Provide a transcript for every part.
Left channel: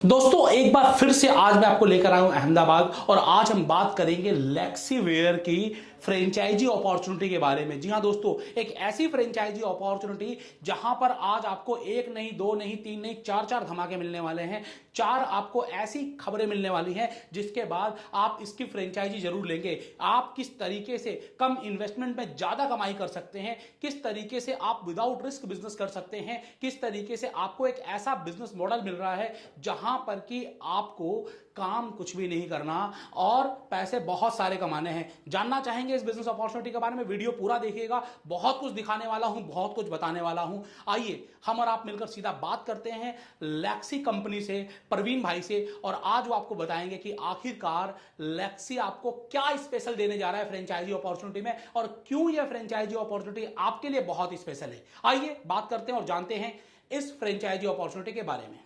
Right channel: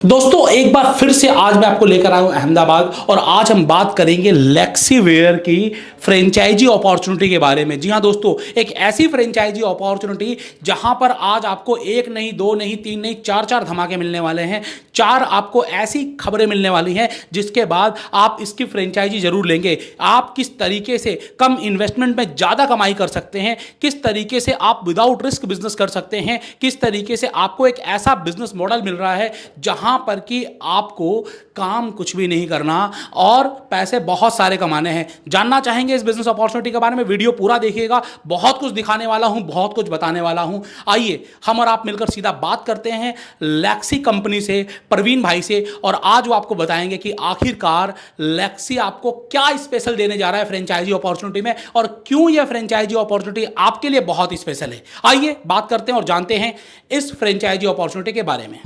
दोस्तों एक बार फिर से आज मैं आपको लेकर आया हूं अहमदाबाद और आज हम बात करेंगे लेक्सीवेयर की फ्रेंचाइजी अपॉर्चुनिटी के बारे में। जी हां दोस्तों, एक ऐसी फ्रेंचाइजी अपॉर्चुनिटी जहां पर आज आपको एक नहीं, दो नहीं, तीन नहीं, चार चार धमाके मिलने वाले हैं। चार आपको ऐसी खबरें मिलने वाली हैं जिसके बाद आप इसकी फ्रेंचाइजी जरूर लेंगे। आप किस तरीके से कम इन्वेस्टमेंट में ज़्यादा कमाई कर सकते हैं, किस तरीके से आप विदाउट रिस्क बिजनेस कर सकते हैं, किस तरीके से आपको एक ऐसा बिजनेस मॉडल मिल रहा है जहां पर कि आपको काम कुछ भी नहीं करना और पैसे बहुत सारे कमाने हैं। जानना चाहेंगे इस बिजनेस अपॉर्चुनिटी के बारे में, वीडियो पूरा देखिएगा। बहुत कुछ दिखाने वाला हूं, बहुत कुछ बताने वाला हूं। आइए हम और आप मिलकर सीधा बात करते हैं लेक्सी कंपनी से, प्रवीण भाई से, और आज वो आपको बताएंगे कि आखिरकार लेक्सी आपको क्या स्पेशल देने जा रहा है फ्रेंचाइजी अपॉर्चुनिटी में और क्यों यह फ्रेंचाइजी अपॉर्चुनिटी आपके लिए बहुत स्पेशल है। आइए बात करते हैं और जानते हैं इस फ्रेंचाइजी अपॉर्चुनिटी के बारे में।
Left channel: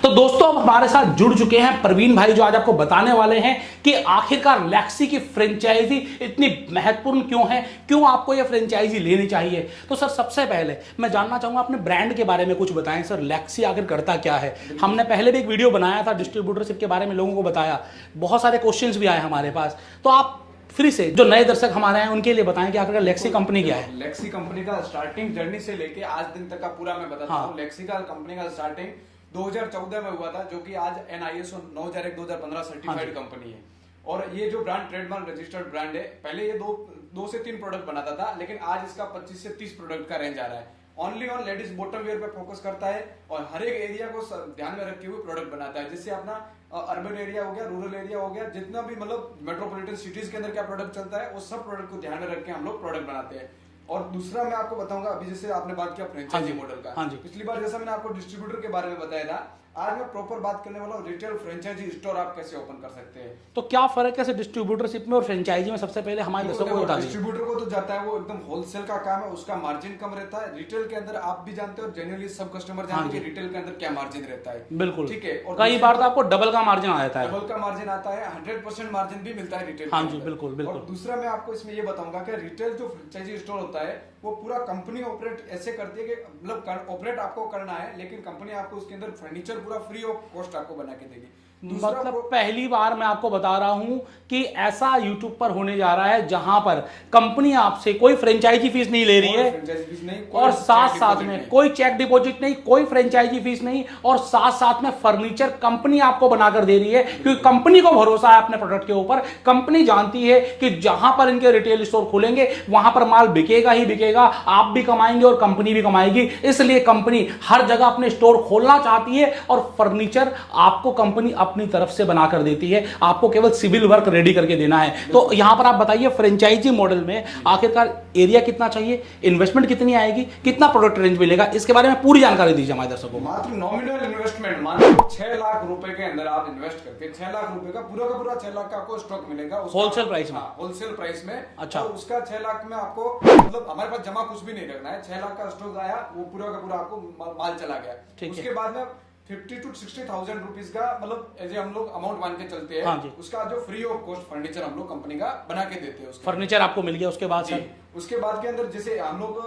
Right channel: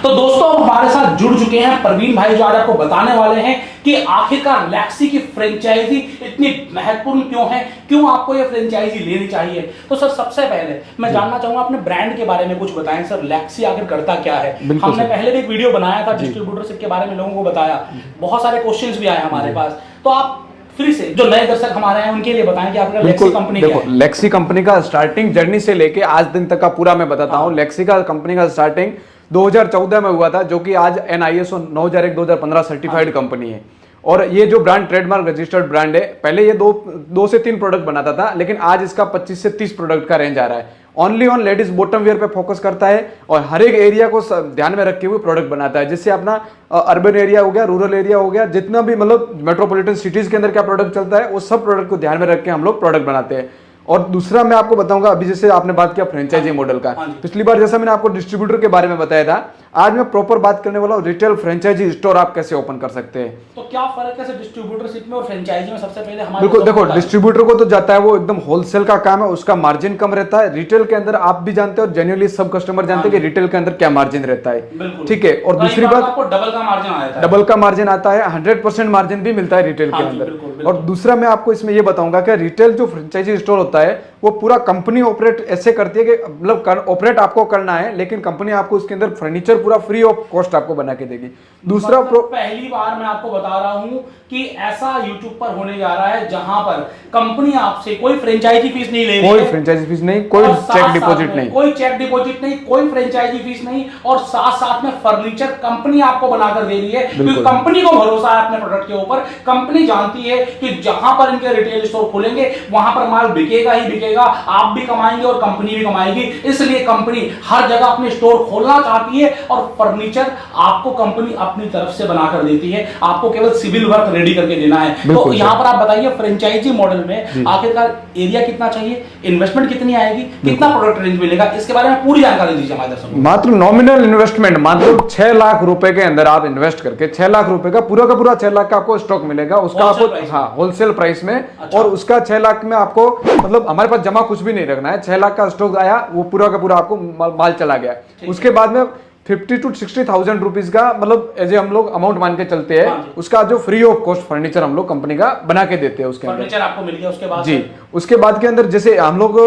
तो दोस्तों हमारे साथ जुड़ चुके हैं प्रवीण भाई, जो आज आपको बताने वाले हैं कि आखिरकार लेक्सी की फ्रेंचाइजी इतनी महत्वपूर्ण क्यों है, क्यों आपको यह फ्रेंचाइजी लेनी चाहिए। तो सर सबसे पहले मैं जानना चाहूंगा अपने ब्रांड के बारे में कुछ बताएं सर, लेक्सी आखिर करता क्या है। हमने पहले भी एक वीडियो बनाया था डिस्ट्रीब्यूटरशिप के बारे में, लोगों को बताया, बहुत सारे क्वेश्चंस भी आए हमारे पास। तो आप फिर से जो नए दर्शक हमारे हैं उनके लिए बताएं कि आपका लेक्सी कंपनी क्या है। लेक्सी कंपनी का स्टार्टिंग जर्नी से लेके आज दिन तक का पूरा मैं बताता हूँ। लेक्सी का कंपनी का स्टार्टिंग 2014 में हुआ था, जो कि आज NISO 9001-2015 सर्टिफाइड कंपनी है। और ये जो ब्रांड ट्रेडमार्क रजिस्टर्ड ब्रांड है, पहले ये दो से तीन प्रोडक्ट बनाता था, लेकिन आज इसका 25 से 30 प्रोडक्ट का रेंज आ रहा है। Only on ladies bottom wear पे फोकस करता है और हर एक एरिया को ध्यान में रखे हुए प्रोडक्ट बनाता है, जिससे अपना अर्बन एरिया हो गया, रूरल एरिया हो गया, जितना भी मतलब मेट्रोपॉलिटन सिटीज के अंदर क्या प्रोडक्ट चलता है, वो सब प्रोडक्ट को ध्यान में रख के हम लोग प्रोडक्ट बनाते हैं। और दूसरा मैं आपको बताऊंगा, अभी जैसे आपने बात किया फ्रेंचाइजी मॉडल का, पिछली बार जैसा मैंने आपको डिस्ट्रीब्यूटर के बारे में बताया था, आज मैं प्रॉपर बात करने वाला हूँ रिटेल फ्रेंचाइजी स्टोर आप कैसे ओपन कर सकते हैं। तो क्या फर्क है डिस्ट्रीब्यूटरशिप में और फ्रेंचाइजी में? सबसे पहले हमारे बिल्कुल देखो, डिस्ट्रीब्यूटर को तो जाता है वो एकदम होलसेल का काम है, उसका मार्जिन कम रहता है। रिटेल के अंदर आप भी जानते हो, जेन्युइनली सब कस्टमर जानते हैं कि रिटेल के अंदर क्या मार्जिन रहता है। ठीक है। और दूसरी बात, आपको डबल का मार्जिन आता है। डबल का मार्जिन आता है, 100% मार्जिन भी मिलता है रिटेल के अंदर। और दूसरा मैं आपको इसमें ये बताऊंगा कि रिटेल जो फ्रेंचाइजी स्टोर होता है वो पूरा कंपनी ऑपरेट ऐसे करती है कि मतलब ऑपरेट आपको करना है, लेकिन कंपनी आपको उसके अंदर फर्नीचर पूरा फ्री ऑफ कॉस्ट आपको बना के देगी। दूसरा पहली बार मैं आपको बता रहा हूं कि ऐसा यूट्यूब पर होने जा रहा है जहां पर कंपनी आपसे कोई फ्रेंचाइजी फीस नहीं ले रही है, कोई फ्रेंचाइजी फीस नहीं, कोई चेक डिपॉजिट नहीं, कोई चेक डिपॉजिट नहीं, कोई फ्रेंचाइजी फीस नहीं, और साथ साथ में फर्नीचर कंपनी आपको बनाकर दे रही है, क्योंकि कंपनी को भरोसा है अपने प्रोडक्ट के ऊपर। कंपनी जानती है कि जहां पर इनके रिटेल स्टोर खोलेंगे वहां पर माल बिकेगा ही बिकेगा, आप भी कमाएंगे और कंपनी भी कमाएगी। इसलिए कंपनी हर जगह अपने स्टोर खोलना चाहती है और फर्नीचर आपको कंपनी अपनी तरफ से बनाकर देती है, आपको केवल सिविल वर्क रेडी करके देना है। तो यहां पर आप बताइए फ्रेंचाइजी मॉडल में आखिरकार एरिया कितना चाहिए, इन्वेस्टमेंट कितनी आएगी, कितना प्रोडक्ट रेंज मिलेगा, इसके बारे में पूरी जानकारी दीजिए हमारे दर्शकों को। मात्र नॉमिनल इन्वेस्टमेंट, मात्र 6 लाख रुपए के अंदर आप इन्वेस्ट करके 6 लाख रुपए का पूरा 6 लाख का आपको स्टॉक मिलेगा, उसका आपको होलसेल प्राइस में। और उसका 6 लाख में आपको मतलब हमारे पास जमा कुछ भी नहीं रखना है। 6 लाख का स्टॉक आया, वो पूरा का पूरा आपको माल चला गया। उसके बाद में 50 to 60,000 रुपीज का मतलब एज ए हम लोग अमाउंट मान के चलते हैं, उसका जो फ्री ऑफ कॉस्ट फर्नीचर हम लोग कंपनी का बना के देते हैं। उसके फर्नीचर आपको मिल गया। उसके बाद जी, उसके बाद के अंदर जैसे हम लोग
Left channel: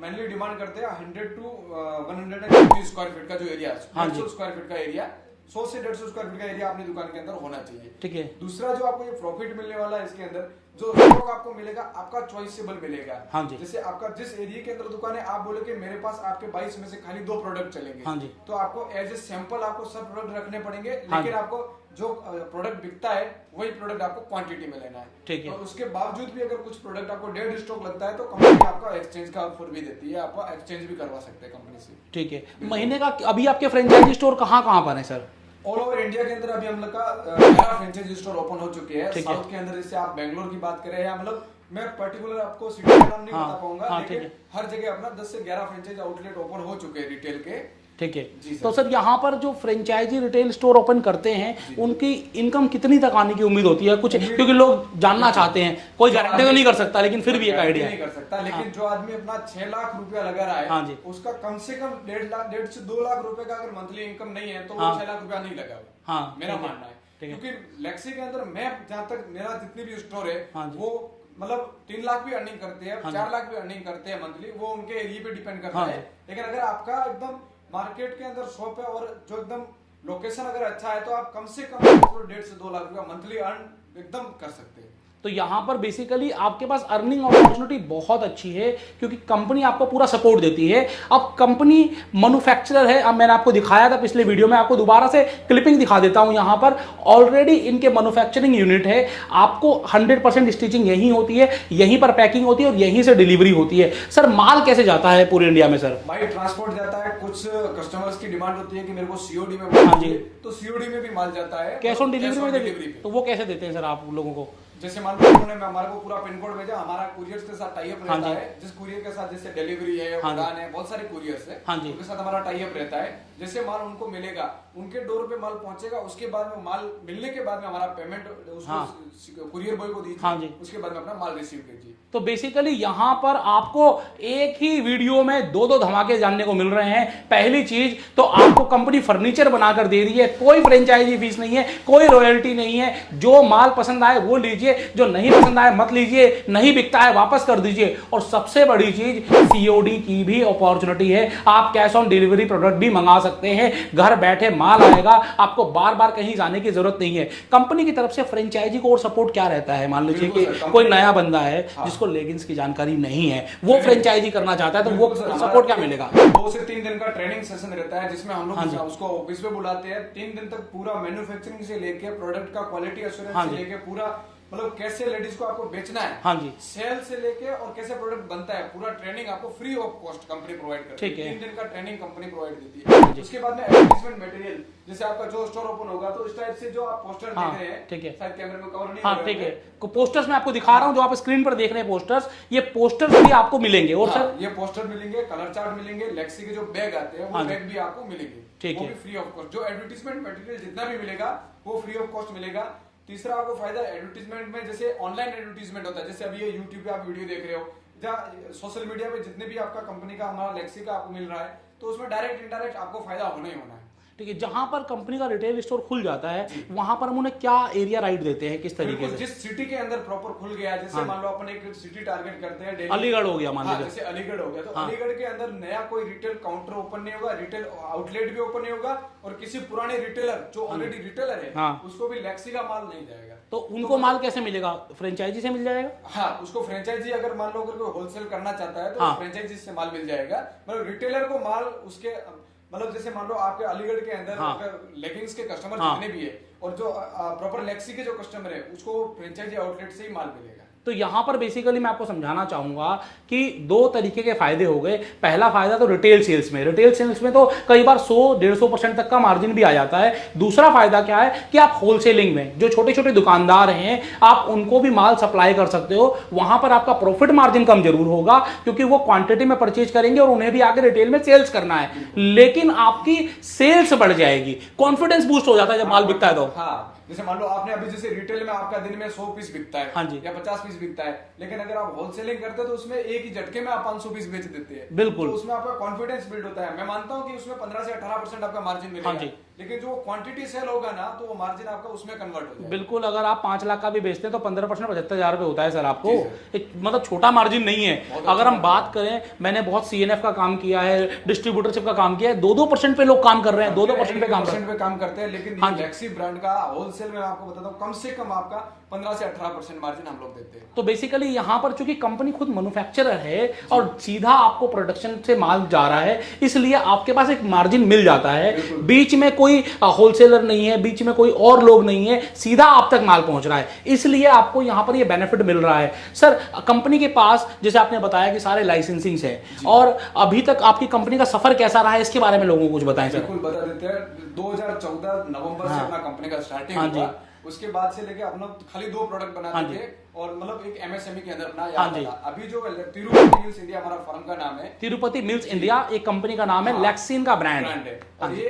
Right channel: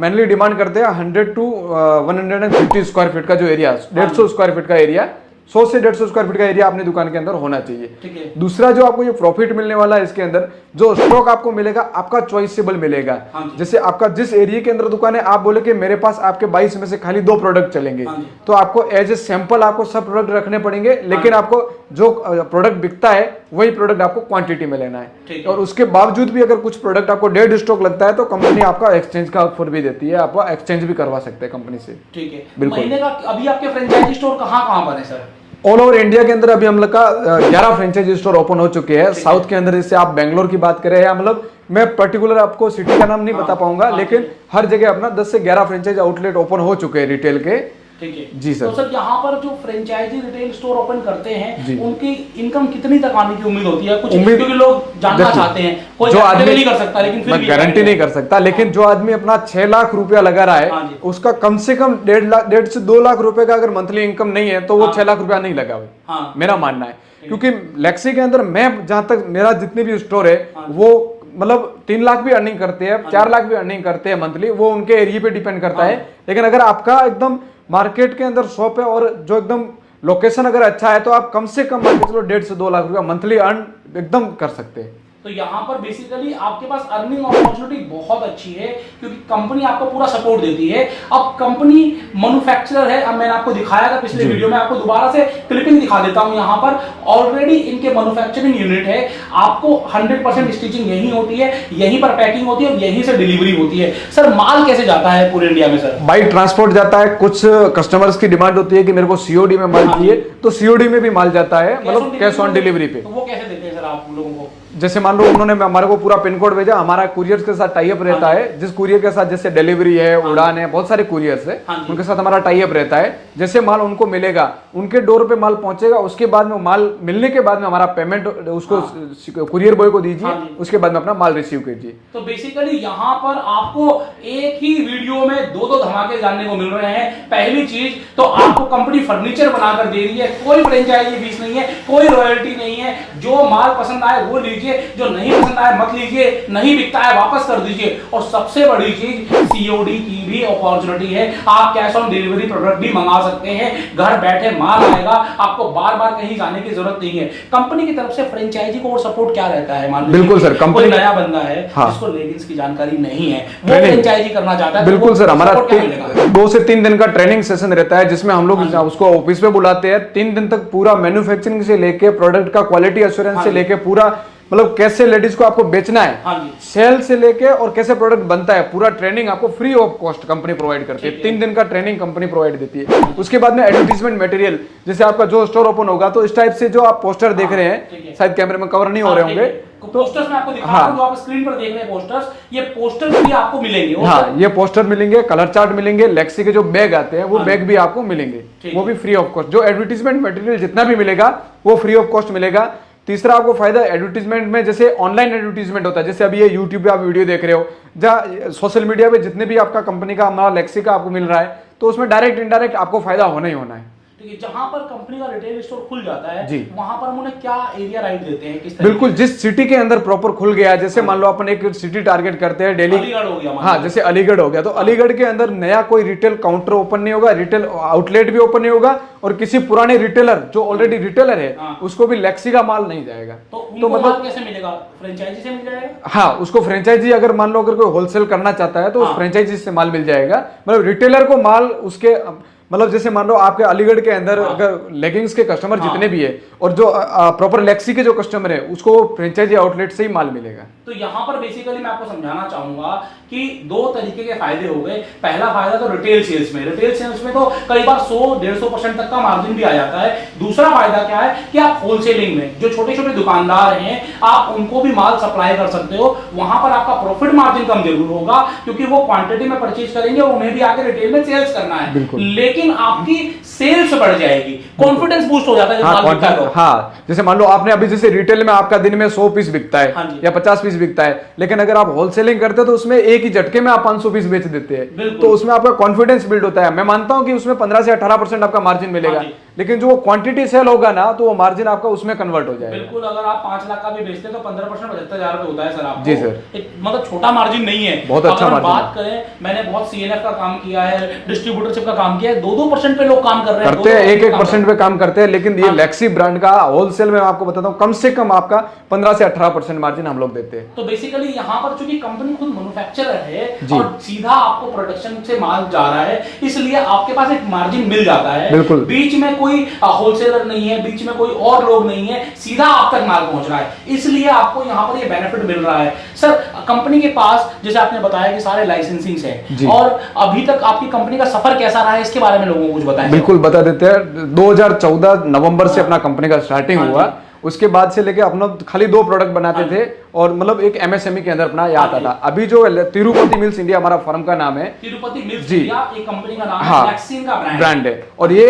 मेनली डिमांड करते हैं 100 to 150 स्क्वायर फीट का जो एरिया, 150 स्क्वायर फीट का एरिया, 100 से 150 स्क्वायर फीट का एरिया अपनी दुकान के अंदर होना चाहिए। ठीक है। दूसरा जो आपको ये प्रॉफिट मिलने वाला है, इसके अंदर जो स्टॉक आपको मिलेगा आपका चॉइसेबल मिलेगा। जैसे आपका जिस एरिया के अंदर दुकान है, आप बोले कि मेरे पास आपके 22 में से खाली 2 प्रोडक्ट चलेंगे, तो आपको एज ए सैंपल आपको सब प्रोडक्ट रखने पड़ेंगे, लेकिन आपको जो प्रोडक्ट बिकता है वही प्रोडक्ट आपको क्वांटिटी में लेना है। और उसके बावजूद भी अगर कुछ प्रोडक्ट आपको डेड स्टॉक लगता है तो कंपनी आपका एक्सचेंज का ऑफर भी देती है, आपको एक्सचेंज भी करवा सकते हैं कंपनी से। ठीक है। महीने का अभी आपके फ्रेंचाइजी स्टोर कहां पर है सर? ऑल ओवर इंडिया के अंदर अभी हम लोग का 11 फ्रेंचाइजी स्टोर ओपन हो चुके हैं। साउथ के अंदर जैसे आप बेंगलोर की बात करें, या मतलब मैं पर्टिकुलर आपको सिटी का नाम नहीं बता पाऊंगा, लेकिन हर जगह अपना 10 से 11 फ्रेंचाइजी आउटलेट ओपन हो चुके हैं रिटेल के। ठीक है जी सर। तो सर यहाँ पर जो फ्रेंचाइजी रिटेल स्टोर ओपन करते हैं उनकी इनकम कितनी तक आने की उम्मीद होती है? कुछ क्योंकि लोग जानना चाहते हैं, कोई गारंटी नहीं कर सकता, लेकिन फिर भी गारंटी नहीं कर सकता, लेकिन जो आदमी अपना 6 लाख रुपया लगा रहा है, उसका कम से कम 1.5 से 2 लाख रुपए का अगर मंथली इनकम नहीं है तो वो 6 लाख रुपया नहीं लगा हुआ, मेरा मानना है। क्योंकि लेक्सी के अंदर मैं जहां तक मेरा जितने भी स्टोर है वो मतलब 3 लाख भी अर्निंग करते हैं, 4 लाख भी अर्निंग करते हैं मंथली, वो उनके एरिया पे डिपेंड करता है। लेकिन अगर आपका एकदम मार्केट के अंदर शॉप है और जो एकदम लोकेशन अगर अच्छा है तो आप कम से कम 1.5 से 2 लाख रुपया मंथली अर्न एकदम कर सकते हैं। तो यहाँ पर बेसिकली आपके पास अर्निंग अपॉर्चुनिटी बहुत अच्छी है क्योंकि कंपनी आपको पूरा सपोर्ट देती है। अब कंपनी मैन्युफैक्चरर है, अब मैंने आपको दिखाया था पिछले वीडियो में, आपको दोबारा से क्लिपिंग दिखा देता हूँ। यहाँ पर ऑलरेडी इनके मैन्युफैक्चरिंग यूनिट है, आपको 100% स्टिचिंग यहीं होती है, यहीं पर पैकिंग होती है और यहीं से डिलीवरी होती है। सर माल कैसे जाता है पूरे इंडिया में? सर बाई ट्रांसपोर्ट जाता है, कुछ कस्टमर्स की डिमांड होती है कि मेरे को सीओडी में माल चाहिए, तो सीओडी में भी माल जाता है, मतलब कैश ऑन डिलीवरी पे। तो वो कैसे देते हैं सर आप लोगों को? जैसे मान लो उन्होंने हमारे को पूरा पिन कोड भेजा, हमारा कुरियर के साथ टाई अप रहता है, जिस कुरियर के साथ जैसे डिलीवरी है, उड़ान है, बहुत सारे कुरियर्स है, उनके साथ हमारा टाई अप रहता है। जैसे माल उनको मिलेगा, उनके डोर पे माल पहुंचेगा, उसके बाद में माल मिलने के बाद में हमारा पेमेंट उसको कुरियर बॉय को दीजिए, उसके बाद में अपना माल रिसीव कीजिए। तो बेसिकली यहाँ पर आपको एक ही वीडियो में दो धमाके जानने को मिल रहे हैं। पहली चीज तो आपको कंपनी फर्नीचर बनाकर दे रही है, कोई फ्रेंचाइजी फीस नहीं है, कोई रॉयल्टी नहीं है, जो माल पसंद आए वो लीजिए, जो नहीं पसंद आए मत लीजिए, नहीं बिकता है वापस कर दीजिए। और सबसे बड़ी चीज सीओडी की भी अपॉर्चुनिटी है, आप कैश ऑन डिलीवरी प्रोडक्ट भी मंगा सकते हैं, घर बैठे माल आएगा, आपको बार बार कहीं जाने की जरूरत नहीं है। कंपनी की तरफ से फ्रेंचाइजी को और सपोर्ट क्या रहता है? मान लीजिए बिल्कुल सर, कंपनी नया बंदा है जिसको लेगिंग्स की जानकारी नहीं है, वो फ्रेंचाइजी करना चाहता है, बिल्कुल सर, हमारा 2 से 3 दिन का ट्रेनिंग सेशन रहता है, जिसमें हम लोग उसको ऑफिस पे बुलाते हैं। 3 दिन तक पूरा मैन्युफैक्चरिंग से लेके प्रोडक्ट का क्वालिटी एश्योरेंस से लेके पूरा, मतलब कैसे लेडीज को आपको बेचना है, सेल से लेके और कैसे प्रोडक्ट बनता है, पूरा ट्रेनिंग आपको free of cost company provide करती है। 3 दिन का ट्रेनिंग कंपनी प्रोवाइड देती है। उसके बाद में एडवर्टाइजमेंट मटेरियल, जैसे आपका जो स्टोर ओपन होगा तो इस टाइप से जो आप पोस्टर देख रहे हैं, शायद कैमरे में कवर नहीं हो रहे होंगे, तो पोस्टर्स में आपको दिखा रहा हूं, जो आप स्क्रीन पर देख रहे हैं पोस्टर्स, ये पोस्टर्स भी आपको मिलेंगे। हाँ, ये पोस्टर मिलेंगे, कलर चार्ट मिलेंगे, लेक्सी के जो बैग आते हैं वो बैग भी आपको मिलेंगे, वो भी फ्री ऑफ कॉस्ट। जो एडवर्टाइजमेंट मटेरियल जितना भी मिलेगा वो फ्री ऑफ कॉस्ट मिलेगा। तीसरा आपको फायदा एडवर्टीजमेंट में, जैसे ऑनलाइन एडवर्टीजमेंट होता है, जैसे अभी ये यूट्यूब पे आप वीडियो देख रहे हो, जहाँ सोशल मीडिया पे जितने भी आपका कंपनी का, हमारा लेक्सी का आपको मिल रहा है, तो उसमें डायरेक्ट इनडायरेक्ट आपको फायदा होना ही होना है। जहां पर कंपनी का रिटेल स्टोर खुल जाता है वहां पर हम उन्हें क्या एरिया राइट देते हैं, किस बिल्कुल, जिस सिटी के अंदर प्रॉपर खुल गया, जैसे मान लो अपन एक सिटी टारगेट करते हैं दिल्ली, अलीगढ़ हो गया, हाँ जैसे अलीगढ़ हो गया, तो अलीगढ़ के अंदर नया कोई रिटेल काउंटर ओपन नहीं होगा, रिटेल आउटलेट भी ओपन नहीं होगा, और किसी पुराने रिटेलर जो ऑलरेडी रिटेलर है उसको भी लेक्सी का माल नहीं जाएगा। तो मतलब कैसे मिलेगा? फ्रेंचाइजी से मिल जाएगा? हाँ, उसको फ्रेंचाइजी, अगर मान लो अगर कोई होलसेल करना चाहता है तो फ्रेंचाइजी से माल मिल जाएगा। मतलब रिटेलर को माल उसके, मतलब जैसे मान लो आपके अलीगढ़ के अंदर अगर लेगिंग्स के कस्टमर जितने भी है और जो प्रॉपर लेक्सी के जो कस्टमर है, उसको फ्रेंचाइजी आउटलेट से ही माल मिलेगा। तो यहाँ पर बेसिकली मैं आपको समझाना चाहूंगा कि 2 तरीके के फायदे हो गए। पहला फायदा तो रिटेल सेल्स में, रिटेल सेल्स में तो कई बार 100-150% तक का मार्जिन भी आ जाता है। दूसरा फायदा क्या है कि आप होलसेलिंग में, जो छोटे छोटे दुकानदार हैं, आप उनको भी माल सप्लाई कर सकते हो। वहां पर आपका प्रॉफिट मार्जिन कम जरूर होगा क्योंकि वो क्वांटिटी में परचेज करेंगे और उन्हें भी आके रिटेल में सेल्स करना है, लेकिन आपकी सेल्स बढ़ जाएगी, कॉन्फिडेंस बूस्ट हो जाता है जब माल बिकता है तो। हाँ, जैसे मान लो आपने अभी जैसे रिटेल में आपका दिन में 100 पीस बिकता है या 50 पीस बिकता है, लेकिन अगर आप होलसेलिंग करते हो तो उसमें एक ही झटके में आप 500 पीस बेच देते हैं, तो उसमें आपका कॉन्फिडेंस बिल्ड होता है। मैं मानता हूं कि उसमें 15 से 18% आपका मार्जिन मिलेगा, लेकिन जो क्वांटिटी सेल होगा ना तो वो मार्जिन आपका उसमें कन्वर्ट हो जाएगा। बिल्कुल, अगर आप 5 लाख का भी बेचते हैं तो 15% 75,000 रुपए होता है सर आपको। जी सर, मतलब छोटा मार्जिन नहीं है, बहुत अच्छा अगर मार्जिन। बात करें, मैंने बहुत सीएनएफ का काम किया है, डिस्ट्रीब्यूटरशिप का काम किया है, 2-2% पे लोग काम कर रहे हैं, 1-1% पे काम करते हैं, लेकिन ये लेक्सी ब्रांड का होलसेल में आपको बताता हूं कम से कम आपका 15 से 18% मार्जिन हम लोग देते हैं। तो बेसिकली यहाँ पर चूंकि कंपनी खुद मैन्युफैक्चरर है और सीधा आपको प्रोडक्शन से माल जा रहा है, इसलिए आपके पास एक मार्जिन मिल जाता है। बीच में कोई होलसेलर नहीं है, बीच में कोई और लोग नहीं है, सीधा आप तक माल पहुंच रहा है, इसलिए आपको यहाँ पर ये बेनिफिट मिल रहा है। सर कंपनी के पास जैसे आपने बताया कि सारे लाइसेंसिंग है, और अभी तक आपकी कंपनी का सफर कैसा रहा है इसके बारे में लोगों को कुछ बताएं। बिल्कुल बता देते हैं। 2014 नवंबर से अपना कंपनी का स्टार्टिंग हुआ, उसके बाद से लेके अपना खाली 2 प्रोडक्ट बनाते थे और मतलब एक एमएसएमई के अंदर अपना ये आता था। अभी जो तिरुपति मिल्स इंडिया हमारा फर्म का नाम है, तिरुपति मिल्स इंडिया एक कंपनी का नाम है, लेक्सिन का ब्रांड है, और ये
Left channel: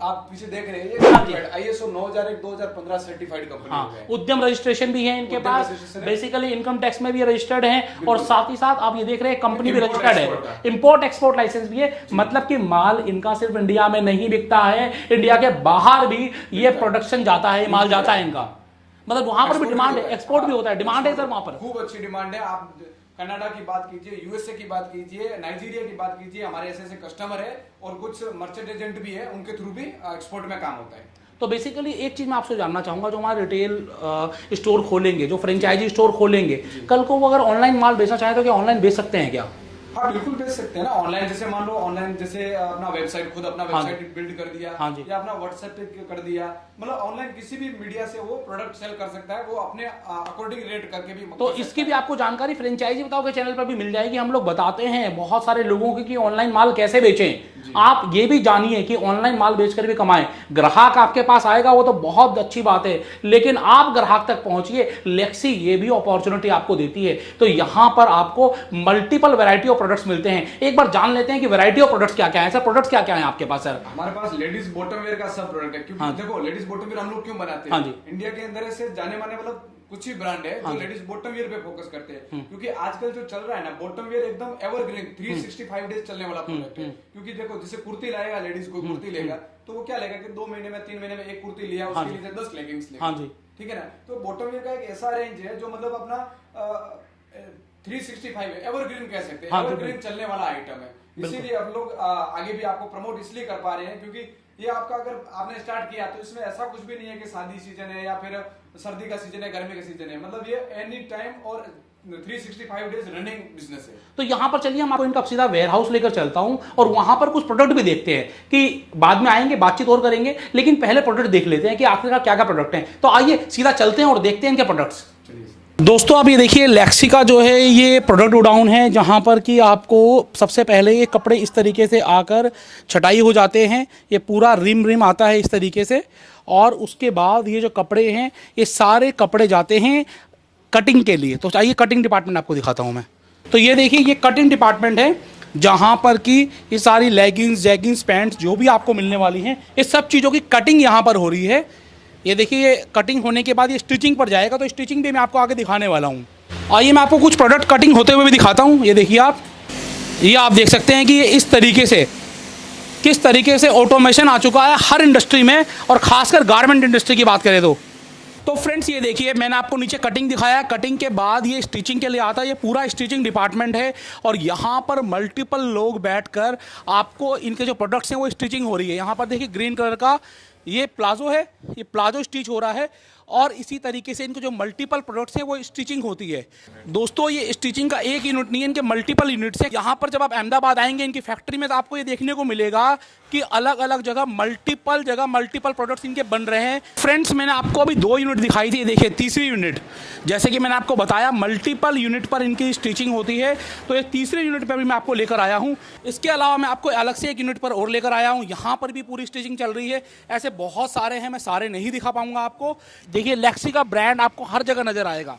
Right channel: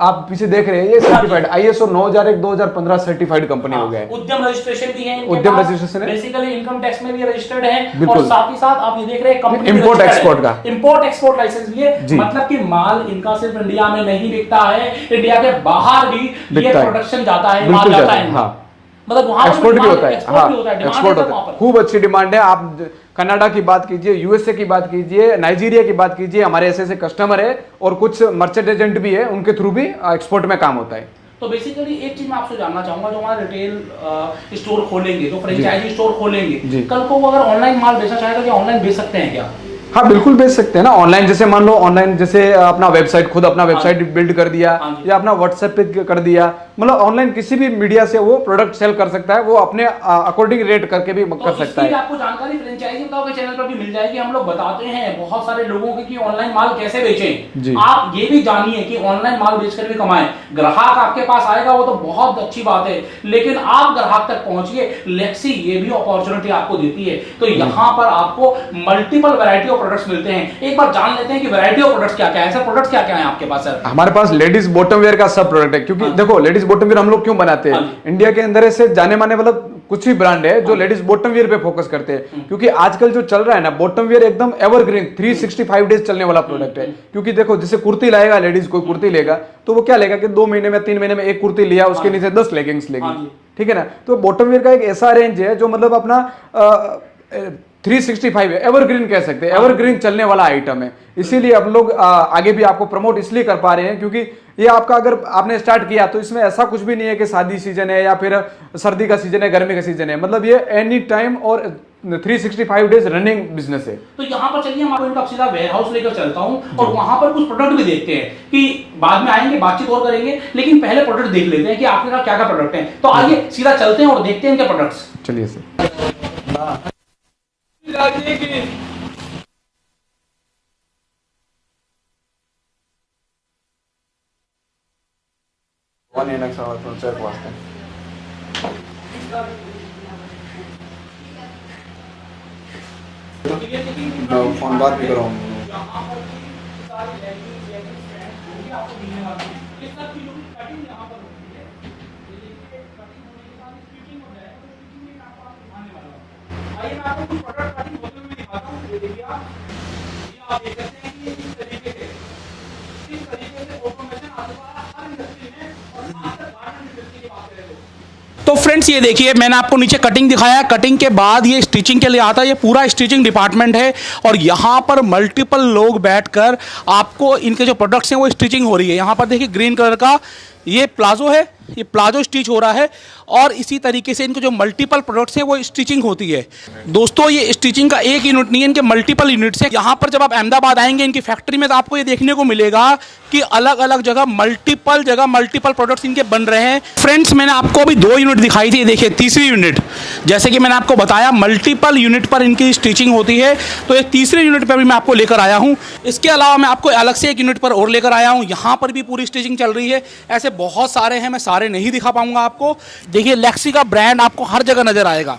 आप पीछे देख रहे हैं ये सर्टिफाइड ISO 9001-2015 सर्टिफाइड कंपनी हो गया है। उद्यम रजिस्ट्रेशन भी है, उद्यम रजिस्ट्रेशन है, बेसिकली इनकम टैक्स में भी रजिस्टर्ड है, और साथ ही साथ आप ये देख रहे हैं कंपनी इंपोर्ट एक्सपोर्ट का, इंपोर्ट एक्सपोर्ट लाइसेंस भी है। मतलब कि माल इनका सिर्फ इंडिया में नहीं बिकता है, इंडिया के बाहर भी ये प्रोडक्शन जाता है, माल जाता है, मतलब वहां एक्सपोर्ट भी होता है। हाँ, एक्सपोर्ट होता है, खूब अच्छी डिमांड है। आप कनाडा की बात कीजिए, यूएसए की बात कीजिए, नाइजीरिया की बात कीजिए, हमारे ऐसे ऐसे कस्टमर है और कुछ मर्चेंट एजेंट भी है, उनके थ्रू भी एक्सपोर्ट में काम होता है। तो बेसिकली एक चीज मैं आपसे जानना चाहूंगा, जो हमारा रिटेल स्टोर खोलेंगे, जो फ्रेंचाइजी स्टोर खोलेंगे, कल को वो अगर ऑनलाइन माल बेचना चाहे तो क्या ऑनलाइन बेच सकते हैं क्या? हाँ बिल्कुल बेच सकते हैं ना ऑनलाइन। जैसे मान लो ऑनलाइन जैसे अपना वेबसाइट, खुद अपना वेबसाइट बिल्ड कर दिया या अपना व्हाट्सएप पे कर दिया, मतलब ऑनलाइन किसी भी मीडिया से वो प्रोडक्ट सेल कर सकता है, वो अपने अकॉर्डिंग रेट करके भी कर सकता है। आपको जानकारी फ्रेंचाइजी बताओ के चैनल पर भी मिल जाएगी। हम लोग बताते हैं बहुत सारे लोगों की कि ऑनलाइन माल कैसे बेचें। आप ये भी जानिए कि ऑनलाइन माल बेचकर भी कमाएं। ग्राहक आपके पास आएगा वो तो बहुत अच्छी बात है, लेकिन आप ग्राहक तक पहुंचिए। लेक्सी ये भी अपॉर्चुनिटी आपको देती है। तो यहाँ पर आपको मल्टीपल वैरायटी ऑफ प्रोडक्ट्स मिलते हैं। एक बार जान लेते हैं कि वैरायटी ऑफ प्रोडक्ट्स क्या क्या है। सर प्रोडक्ट्स क्या क्या है आपके पास? सर हमारे पास लेडीज बॉटम वेयर का सब प्रोडक्ट है, क्योंकि देखो लेडीज बॉटम वेयर हम लोग क्यों बनाते हैं, इंडिया के अंदर ऐसे जाने माने मतलब कुछ ही ब्रांड है जो लेडीज बॉटम वेयर पे फोकस करते हैं, क्योंकि आजकल जो चल रहा है ना बॉटम वेयर एकदम एवरग्रीन 365 डेज चलने वाला प्रोडक्ट है। क्योंकि देखो जैसे कुर्ती लाएगा लेडीज, कोई कुर्ती लेगा तो वो क्या लेगा कि 2 महीने में 3 महीने में एक कुर्ती लिया, उसके नीचे 10 लेगिंग्स लेगी, ठीक है ना। तो बॉटम वेयर का एक ऐसा रेंज है जो मतलब अपना 365 है, एवरग्रीन कह सकते हैं, एवरग्रीन चलने वाला आइटम है। इसीलिए हम लोग आगे भी आपको प्रमोट इसलिए कर पा रहे हैं क्योंकि ये आपका अगर आपने स्टार्ट किया तो इसमें ऐसा कुछ भी नहीं है कि शादी सीजन है या फिर सर्दी का सीजन है, गर्मी का सीजन है, मतलब ये एनी टाइम और 365 डेज रनिंग बिजनेस है। तो यहाँ पर चलिए हम आपको इनका सीधा वेयर हाउस लेकर चलता हूँ और वहां पर कुछ प्रोडक्ट भी देखते हैं, कि बाद में आएंगे बातचीत और करेंगे, लेकिन पहले प्रोडक्ट देख लेते हैं कि आपके क्या क्या प्रोडक्ट हैं। तो आइए सीधा चलते हैं और देखते हैं इनके प्रोडक्ट्स। चलिए सर। दोस्तों आप ये देखिए लेक्सी का जो है ये प्रोडक्ट गोडाउन है, जहाँ पर कि आपको सबसे पहले ये कपड़े इस तरीके से आकर छटाई हो जाते हैं। ये पूरा रिम आता है इस तरीके से, और उसके बाद ये जो कपड़े हैं ये सारे कपड़े जाते हैं कटिंग के लिए। तो चाहिए कटिंग डिपार्टमेंट आपको दिखाता हूँ मैं। तो ये देखिए ये कटिंग डिपार्टमेंट है, जहाँ पर कि ये सारी लेगिंग्स, जैगिंग्स, पैंट्स जो भी आपको मिलने वाली हैं, इस सब चीज़ों की कटिंग यहाँ पर हो रही है। ये देखिए ये कटिंग होने के बाद ये स्टिचिंग पर जाएगा, तो स्टिचिंग भी मैं आपको आगे दिखाने वाला हूँ। आइए मैं आपको कुछ प्रोडक्ट कटिंग होते हुए भी दिखाता हूँ। ये देखिए आप देख सकते हैं कि ये इस तरीके से किस तरीके से ऑटोमेशन आ चुका है हर इंडस्ट्री में, और खासकर गारमेंट इंडस्ट्री की बात करें तो फ्रेंड्स ये देखिए मैंने आपको नीचे कटिंग दिखाया, कटिंग के बाद ये स्टिचिंग के लिए आता है। ये पूरा स्टिचिंग डिपार्टमेंट है और यहाँ पर मल्टीपल लोग बैठकर आपको इनके जो प्रोडक्ट्स हैं वो स्टिचिंग हो रही है। यहाँ पर देखिए ग्रीन कलर का ये प्लाजो है, ये प्लाजो स्टिच हो रहा है, और इसी तरीके से इनके जो मल्टीपल प्रोडक्ट्स हैं वो स्टिचिंग होती है। दोस्तों ये स्टिचिंग का एक यूनिट नहीं है, इनके मल्टीपल यूनिट्स हैं। यहाँ पर जब आप अहमदाबाद आएंगे इनकी फैक्ट्री में तो आपको ये देखने को मिलेगा कि अलग अलग जगह मल्टीपल प्रोडक्ट्स इनके बन रहे हैं। फ्रेंड्स मैंने आपको अभी 2 यूनिट दिखाई थी, देखिए तीसरी यूनिट, जैसे कि मैंने आपको बताया मल्टीपल यूनिट पर इनकी स्टिचिंग होती है, तो ये तीसरे यूनिट पर भी मैं आपको लेकर आया हूँ। इसके अलावा मैं आपको अलग से एक यूनिट पर और लेकर आया हूँ, यहाँ पर भी पूरी स्टिचिंग चल रही है। ऐसे बहुत सारे हैं, मैं सारे नहीं दिखा पाऊंगा आपको। देखिए लेक्सी का ब्रांड आपको हर जगह नजर आएगा।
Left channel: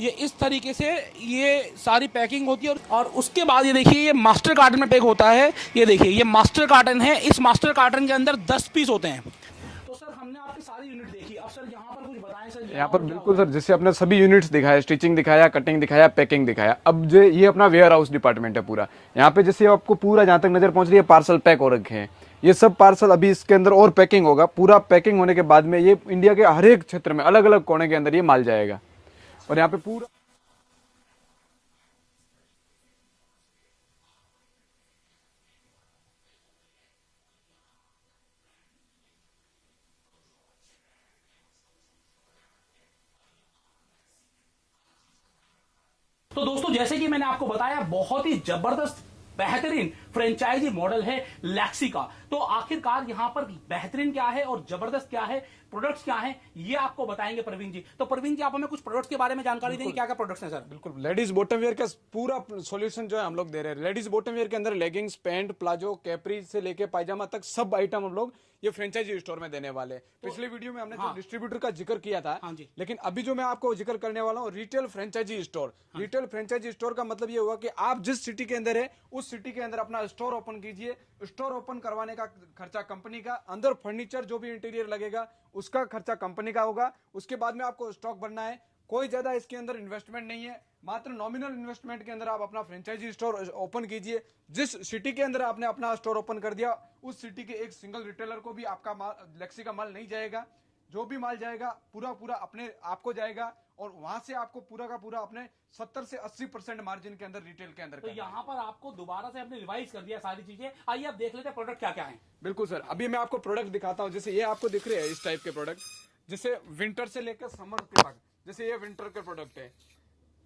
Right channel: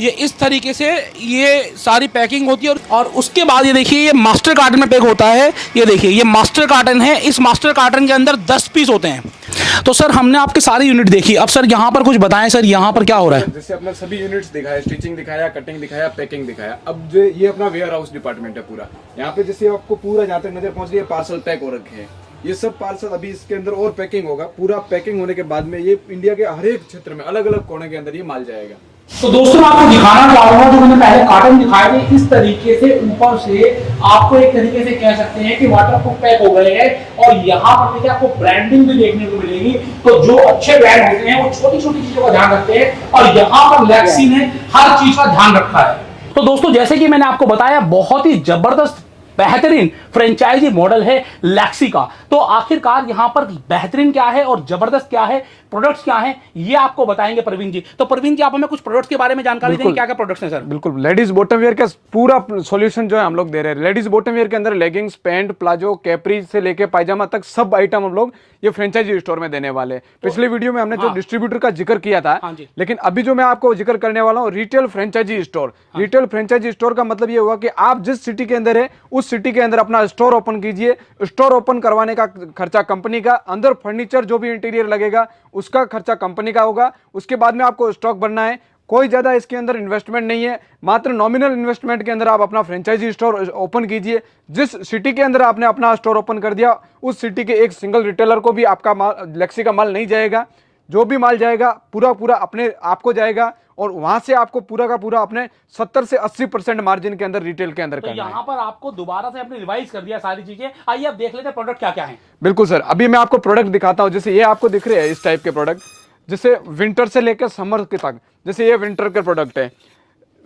ये इस तरीके से ये सारी पैकिंग होती है, और उसके बाद ये देखिए ये मास्टर कार्टन में पैक होता है। ये देखिए ये मास्टर कार्टन है, इस मास्टर कार्टन के अंदर 10 पीस होते हैं। तो सर हमने आपके सारी यूनिट देखी, अब सर यहाँ पर कुछ बताएं सर, यहाँ पर क्या हो रहा है? जैसे अपने सभी यूनिट्स दिखाया, स्टिचिंग दिखाया, कटिंग दिखाया, पैकिंग दिखाया। अब जो ये अपना वेयर हाउस डिपार्टमेंट है पूरा, यहाँ पे जैसे आपको पूरा जहाँ तक नजर पहुंच रही है पार्सल पैक हो रखे हैं। ये सब पार्सल अभी इसके अंदर और पैकिंग होगा। पूरा पैकिंग होने के बाद में ये इंडिया के हर एक क्षेत्र में अलग अलग कोने के अंदर ये माल जाएगा। तो दोस्तों मैं आपको दिखाना चाहूंगा, जो मैंने पहले कार्टन दिखाए थे इस तरीके से ऊपर से आपको एक तरीके से कह सकते हैं कि वाटरप्रूफ पैक हो गए हैं, और यहाँ पर देखिए आपको ब्रांडिंग भी देखने को मिलेगी। तो जो अच्छे ब्रांड होते हैं वो छोटी छोटी चीजों का ध्यान रखते हैं, और यहाँ पर लेक्सी ने हर चीज का ध्यान रखा है। तो दोस्तों जैसे कि मैंने आपको बताया बहुत ही जबरदस्त बेहतरीन फ्रेंचाइजी मॉडल है लेक्सी का। तो आखिरकार यहाँ पर बेहतरीन क्या है और जबरदस्त क्या है, प्रोडक्ट्स क्या हैं, ये आपको बताएंगे प्रवीण जी। तो प्रवीण जी आप हमें कुछ प्रोडक्ट्स के बारे में जानकारी देंगे, क्या क्या प्रोडक्ट्स हैं सर? बिल्कुल, लेडीज बॉटम वेयर का पूरा सॉल्यूशन जो है हम लोग दे रहे हैं। लेडीज बॉटम वेयर के अंदर लेगिंग्स, पैंट, प्लाजो, कैपरी से लेके पायजामा तक सब आइटम हम लोग ये फ्रेंचाइजी स्टोर में देने वाले हैं। पिछले वीडियो में हमने जो डिस्ट्रीब्यूटर का जिक्र किया था, लेकिन अभी जो मैं आपको जिक्र करने वाला हूँ retail franchisee store. Retail franchisee store का मतलब ये हुआ कि आप जिस सिटी के अंदर है उस सिटी के अंदर अपना स्टोर ओपन कीजिए। स्टोर ओपन करवाने का खर्चा कंपनी का, अंदर फर्नीचर जो भी इंटीरियर लगेगा उसका खर्चा कंपनी का होगा। उसके बाद में आपको स्टॉक बनना है, कोई ज्यादा इसके अंदर इन्वेस्टमेंट नहीं है, मात्र नॉमिनल इन्वेस्टमेंट के अंदर आप अपना फ्रेंचाइजी स्टोर ओपन कीजिए। जिस सिटी के अंदर आपने अपना स्टोर ओपन कर दिया उस सिटी के एक सिंगल रिटेलर को भी आपका लेक्सी का माल नहीं जाएगा। जो भी माल जाएगा पूरा अपने आपको जाएगा, और वहां से आपको पूरा का पूरा अपने 70 से 80% मार्जिन के अंदर रिटेल के अंदर तो करना है। यहाँ पर आपको दोबारा से अपने रिवाइज कर दिया सारी चीजें। आइए अब देख लेते हैं प्रोडक्ट क्या क्या है। बिल्कुल सर, अभी मैं आपको प्रोडक्ट दिखाता हूं। जैसे ये आपको दिख रहे हैं इस टाइप के प्रोडक्ट, जैसे विंटर से लेकर समर के तक। जैसे ये विंटर के प्रोडक्ट है,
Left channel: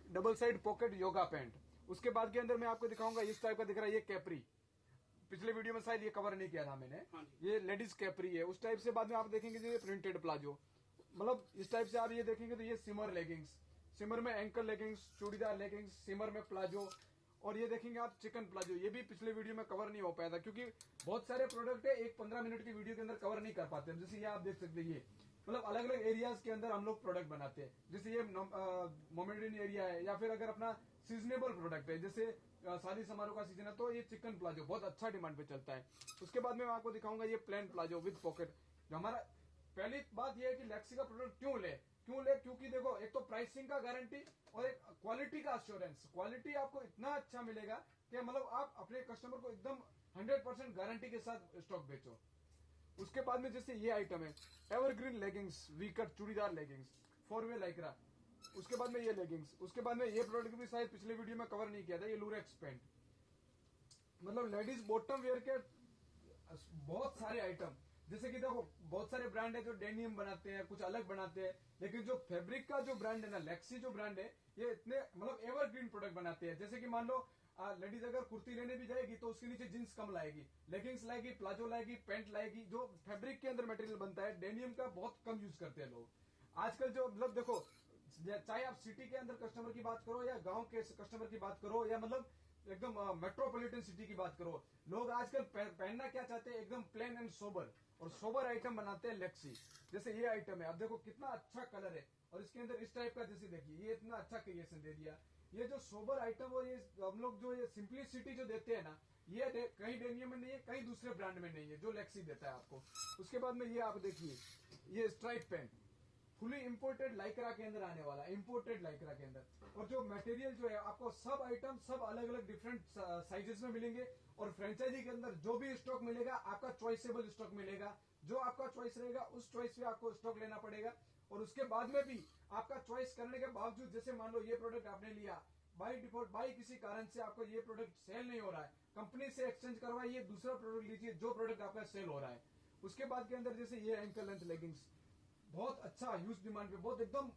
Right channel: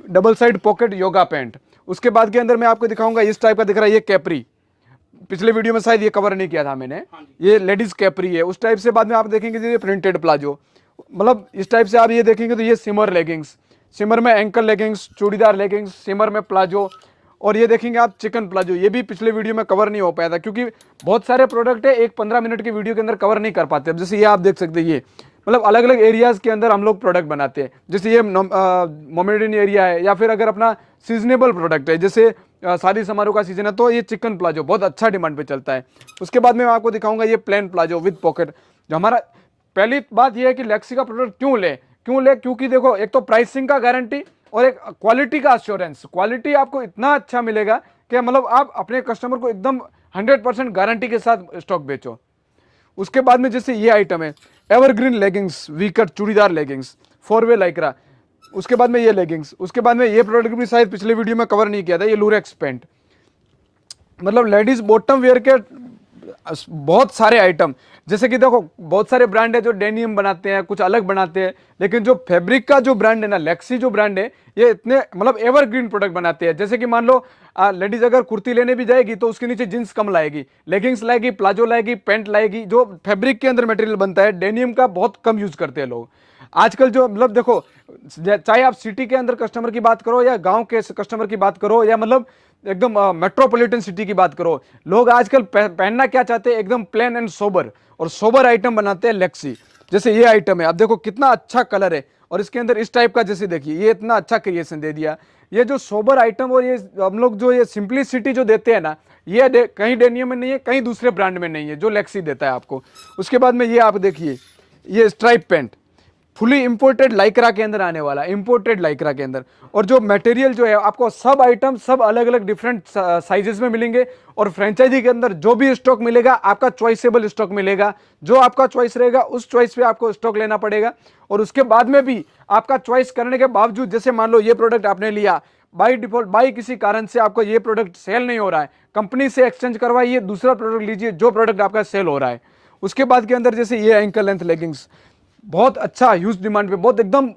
double side pocket yoga pant. उसके बाद के अंदर मैं आपको दिखाऊंगा इस टाइप का दिख रहा है, ये कैपरी। पिछले वीडियो में शायद ये कवर नहीं किया था मैंने, ये लेडीज कैपरी है उस टाइप से। बाद में आप देखेंगे ये प्रिंटेड प्लाजो, मतलब इस टाइप से आप ये देखेंगे तो ये सिमर लेगिंग्स, सिमर में एंकल लेगिंग्स, चूड़ीदार लेगिंग्स, सिमर में प्लाजो। और ये देखेंगे आप चिकन प्लाजो, ये भी पिछले वीडियो में कवर नहीं हो पाया था क्योंकि बहुत सारे प्रोडक्ट है एक 15 मिनट की वीडियो के अंदर कवर नहीं कर पाते। अब जैसे ये आप देख सकते हैं, ये मतलब अलग अलग एरियाज के अंदर हम लोग प्रोडक्ट बनाते हैं। जैसे ये मोमेडियन एरिया है, या फिर अगर अपना सीजनेबल प्रोडक्ट है जैसे शादी समारोह का सीजन है तो ये चिकन प्लाजो बहुत अच्छा डिमांड पे चलता है। उसके बाद में मैं आपको दिखाऊंगा ये प्लेन प्लाजो विद पॉकेट। जो हमारा पहली बात ये है कि लेक्सी का प्रोडक्ट क्यों ले, क्योंकि देखो एक तो प्राइसिंग का गारंटी और एक क्वालिटी का अश्योरेंस। क्वालिटी आपको इतना अच्छा मिलेगा कि मतलब आप अपने कस्टमर को एकदम 100% गारंटी के साथ स्टॉक बेचो। उसके बाद में जैसे ये आइटम है एवरग्रीन लेगिंग्स, वीकट चूड़ीदार लेगिंग्स, 4-वे लाइक्रा। उसके बाद में ये लेगिंग्स। उसके बाद में ये प्रोडक्ट भी शायद पिछले वीडियो में कवर नहीं किया था, ये लूरेक्स पैंट। मतलब लेडीज बॉटम वेयर के बहुत सारे आइटम। जैसे कि देखो बहुत सारे ब्रांड है जो डेनियम बनाते हैं, कुछ अलग बनाते हैं, लेकिन जो फैब्रिक का जो ब्रांड है ना, लेक्सी जो ब्रांड है, ये इतने मतलब एवरग्रीन प्रोडक्ट बनाते हैं। जैसे कि मान लो लेडीज अगर कुर्ती लेने भी जाएगी तो उसके नीचे जींस कम लाएगी, लेगिंग्स लाएगी, प्लाजो लाएगी, पैंट लाएगी। जो फैब्रिक के अंदर मटेरियल बनता है डेनियम का बहुत कम यूज करते हैं लोग आजकल। जो मतलब देखो चाहे आप सिटी के अंदर कस्टमर की बात करो या गांव के कस्टमर की बात करो या मतलब एकदम मेट्रोपॉलिटन सिटी की बात करो, लोग आजकल पहनना क्या चाहते हैं, एकदम प्लेन एंड सोबर, और सोबर आइटम बनाते हैं लेक्सी। जैसे ये आइटम है, आप देखो कितना अच्छा कलर है और इसके अंदर इस टाइप का, जैसे देखिए ये इतना अच्छा क्रिएशन दे दिया। ये जो सोबर आइटम और ये हम लोग जो ये सिंपलिसिटी जो देते हैं ना, ये कहीं डेनियम में नहीं है, कहीं दूसरे ब्रांड में नहीं है जो लेक्सी देता है आपको। उसके बाद में ये आप देखिए ये stripe pant fully imported Lycra के अंदर आने वाला, इंपोर्टेड लाइक्रा के अंदर। और जो मटेरियल जो है आपको सब आइटम सब अलग अलग डिफरेंट साइजेस में मिलेंगे। और फ्रेंचाइजी के अंदर जो भी स्टॉक मिलेगा आपका चॉइसेबल स्टॉक मिलेगा, जो आपका चॉइस रहेगा उस चॉइस पे आपको स्टॉक लेना पड़ेगा। और उसके बाद में भी आपका चॉइस करने के बावजूद, जैसे मान लो ये प्रोडक्ट आपने लिया बाई डिफॉल्ट, बाई किसी कारण से आपको ये प्रोडक्ट सेल नहीं हो रहा है, कंपनी से एक्सचेंज करवाइए, दूसरा प्रोडक्ट लीजिए जो प्रोडक्ट आपका सेल हो रहा है। उसके बाद के अंदर जैसे ये एंकल लेंथ लेगिंग्स, बहुत अच्छा ह्यूज डिमांड पे, बहुत एकदम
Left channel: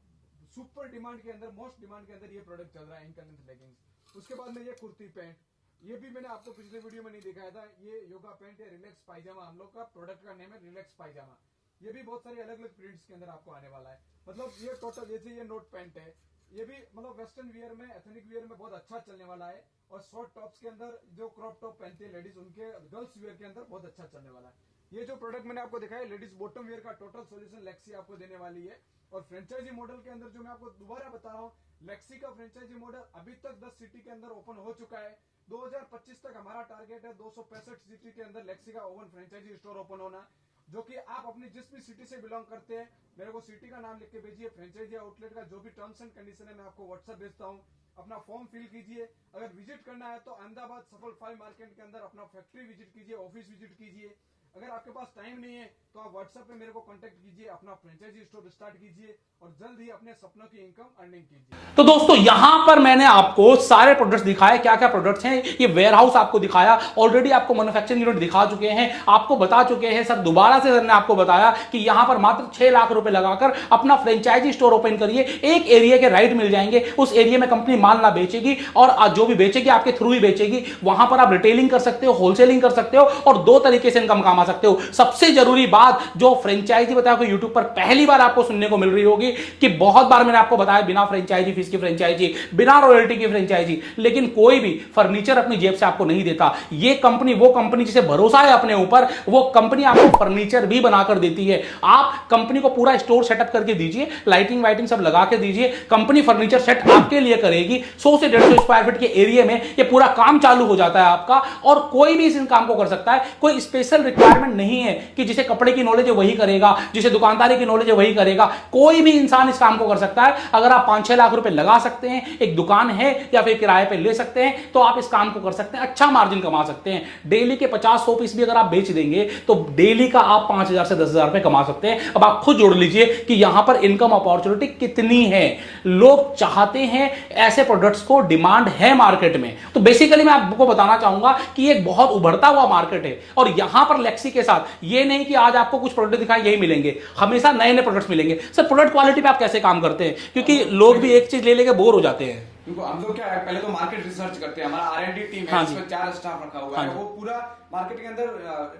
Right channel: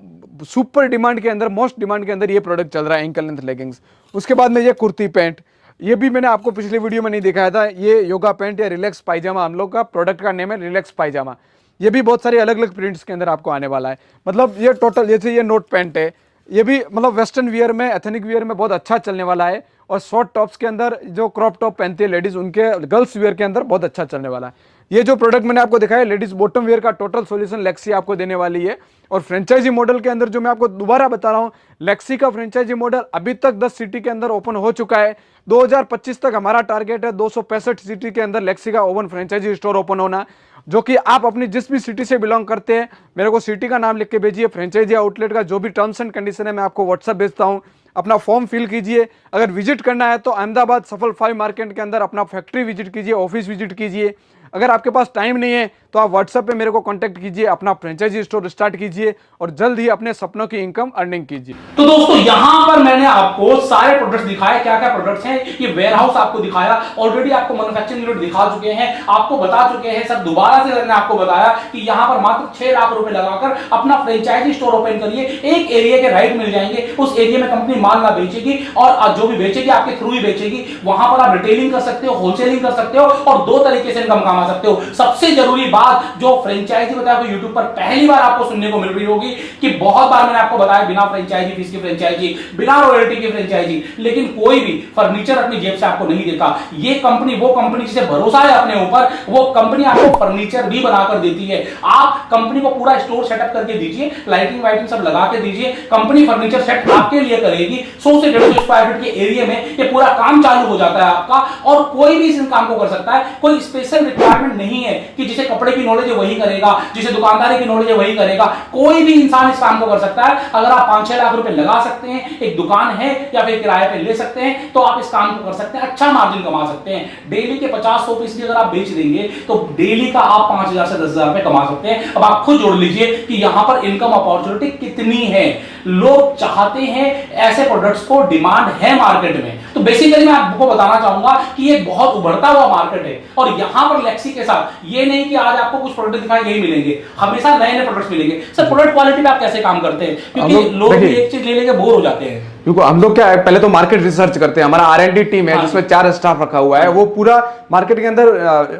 सुपर डिमांड के अंदर, मोस्ट डिमांड के अंदर ये प्रोडक्ट चल रहा है एंकल लेंथ लेगिंग्स। उसके बाद में ये कुर्ती पैंट, ये भी मैंने आपको पिछले वीडियो में नहीं दिखाया था, ये योगा पैंट या रिलैक्स पायजामा, हम लोग का प्रोडक्ट का नेम है रिलैक्स पायजामा। ये भी बहुत सारे अलग अलग प्रिंट्स के अंदर आपको आने वाला है। मतलब ये टोटल, जैसे ये नोट पैंट है, ये भी मतलब वेस्टर्न वियर में, एथनिक वियर में बहुत अच्छा चलने वाला है। और शॉर्ट टॉप्स के अंदर जो क्रॉप टॉप पहनती है लेडीज, उनके गर्ल्स वियर के अंदर बहुत अच्छा चलने वाला है। ये जो प्रोडक्ट मैंने आपको दिखाया लेडीज बॉटम वेयर का टोटल सॉल्यूशन लेक्सी आपको देने वाली है। और फ्रेंचाइजी मॉडल के अंदर जो मैं आपको दोबारा बता रहा हूं, लेक्सी का फ्रेंचाइजी मॉडल अभी तक 10 सिटी के अंदर ओपन हो चुका है। 2025 तक हमारा टारगेट है 265 सिटी के अंदर लेक्सी का ओपन फ्रेंचाइजी स्टोर ओपन होना। जो कि आप अपनी जिस भी सिटी से बिलोंग करते हैं, मेरे को सिटी का नाम लिख के भेजिए, फ्रेंचाइजी आउटलेट का जो भी टर्म्स एंड कंडीशन है मैं आपको व्हाट्सएप भेजता हूं, अपना फॉर्म फिल कीजिए। अगर विजिट करना है तो अहमदाबाद सफल 5 मार्केट के अंदर अपना फैक्ट्री विजिट कीजिए, ऑफिस विजिट कीजिए। अगर आपके पास टाइम नहीं है तो आप व्हाट्सएप पे मेरे को कांटेक्ट कीजिए, अपना फ्रेंचाइजी स्टोर स्टार्ट कीजिए और जल्द ही अपने सपनों की इनकम अर्निंग कीजिए। तो दोस्तों यहां पर मैंने आपको सारे प्रोडक्ट्स दिखाए, क्या क्या प्रोडक्ट्स हैं, ये वेयरहाउस आपको दिखाया, ऑलरेडी आपको मैन्युफैक्चरिंग यूनिट दिखा चुके हैं, आपको बता चुके हैं। सर दोबारा से मैंने आपको बताया कि यहां पर मात्र 6 लाख रुपए लगाकर अपना फ्रेंचाइजी स्टोर ओपन करिए, एक एरिया के राइट मिल जाएंगे, उस एरिया में कंपनी माल ना बेचेगी और जो भी बेचेगी आपके थ्रू ही बेचेगी। वहां पर आप रिटेलिंग कर सकते हो, होलसेलिंग कर सकते हो और 2 तरीके से इनकम कमा सकते हो। सबसे जरूरी बात जो फ्रेंचाइजी बताया आपको यूट्यूब पर पहली बार आपको सुनने को मिल रही होगी कि बहुत बार मैंने आपको बताया बिना फ्रेंचाइजी फीस की फ्रेंचाइजी, बिना रॉयल्टी की फ्रेंचाइजी, लेकिन कोई भी फर्नीचर अपनी जेब से आपको नहीं देता। ये कंपनी वो कंपनी जिसे भरोसा है अपने ऊपर, वो कंपनी आपको फर्नीचर भी बनाकर देती है। आप कंपनी को पूरा स्टोर सेटअप करके दीजिए, लाइटिंग वाइटिंग सब लगा के दीजिए, कंपनी फर्नीचर सेट आपके लिए करेगी। 100 से 150 स्क्वायर फीट के एरिया में ये पूरा काम चालू हो जाता है आपका और कोई भी इस काम को कर सकता है। कोई स्पेशल रिक्वायरमेंट नहीं है कि जिसे कपड़े कपड़े की नॉलेज है वही करेगा, जिसे दुकानदारी की नॉलेज है वही करेगा। कोई भी इंसान इस काम को कर सकता है। अगर आप 5-6 लाख रुपए लगा सकते हैं, एक दुकान है या फिर किराए पे ले सकते हैं, तो आप इस काम को कर सकते हैं, अच्छा मार्जिन कमा सकते हैं। डेली के 50-100 पीस भी अगर आप बेच देंगे तो डेली का आप 5,000 से 10,000 रुपए कमा सकते हैं। अब आप खुद जोड़ लीजिए कि यहां पर इनकम अपॉर्चुनिटी कितनी है। लोग चाहते हैं ऐसे प्रोडक्ट्स को, डिमांड है मार्केट में। तो बेसिकली मैं आपको बताना चाहूंगा कि ये बहुत उभरता हुआ मार्केट है। और यहां पर लेक्सी के साथ ये नहीं कि आज आपको कुछ प्रोडक्ट दिखाए यही मिलेंगे, हमेशा नए नए प्रोडक्ट्स मिलेंगे। सर प्रोडक्ट क्वालिटी पे आप कैसे काम करते हैं, क्योंकि लोग भी एक चीज ले लेके बोर हो जाते हैं। देखो हम लोग क्या है, पहले तो मार्केट रिसर्च करते हैं। हमारा R&D टीम है जिसमें 4 स्टाफ रखा हुआ है, वो पूरा मार्केट के अंदर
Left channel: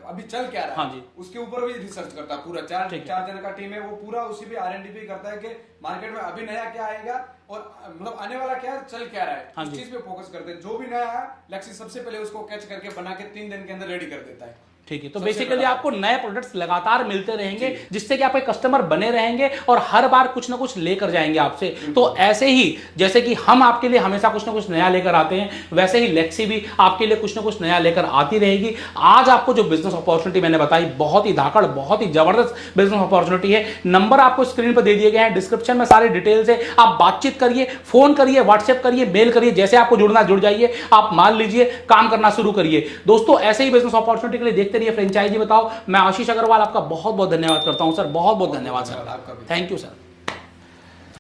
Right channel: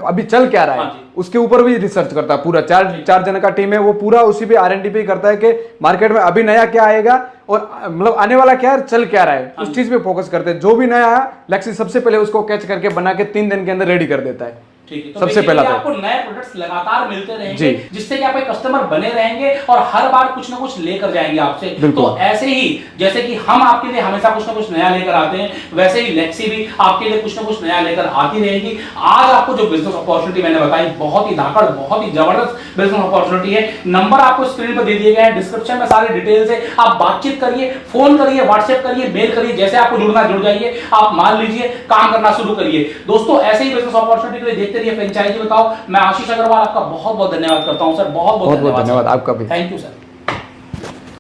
अभी चल क्या रहा है उसके ऊपर भी रिसर्च करता है। पूरा 4 जन का टीम है, वो पूरा उसी पे R&D पे करता है कि मार्केट में अभी नया क्या आएगा और मतलब आने वाला क्या है, चल क्या रहा है, उस चीज पे फोकस करते हैं। जो भी नया है लेक्सी सबसे पहले उसको कैच करके बना के 3 दिन के अंदर रेडी कर देता है। ठीक है, तो सबसे पहला तो आपको नए प्रोडक्ट्स लगातार मिलते रहेंगे, जिससे कि आपके कस्टमर बने रहेंगे और हर बार कुछ ना कुछ लेकर जाएंगे आपसे। तो ऐसे ही जैसे कि हम आपके लिए हमेशा कुछ ना कुछ नया लेकर आते हैं, वैसे ही लेक्सी भी आपके लिए कुछ ना कुछ नया लेकर आती रहेगी। आज आपको जो बिजनेस अपॉर्चुनिटी मैंने बताई, बहुत ही धाकड़, बहुत ही जबरदस्त बिजनेस अपॉर्चुनिटी है। नंबर आपको स्क्रीन पर दे दिए गए हैं, डिस्क्रिप्शन में सारी डिटेल्स है। आप बातचीत करिए, फोन करिए, व्हाट्सएप करिए, मेल करिए, जैसे आपको जुड़ना जुड़ जाइए। आप मान लीजिए, काम करना शुरू करिए। दोस्तों ऐसे ही बिजनेस अपॉर्चुनिटी के लिए देखते रहिए फ्रेंचाइजी बताओ। मैं आशीष अग्रवाल आपका बहुत बहुत धन्यवाद करता हूं सर, बहुत बहुत धन्यवाद आपका भी। Thank you sir.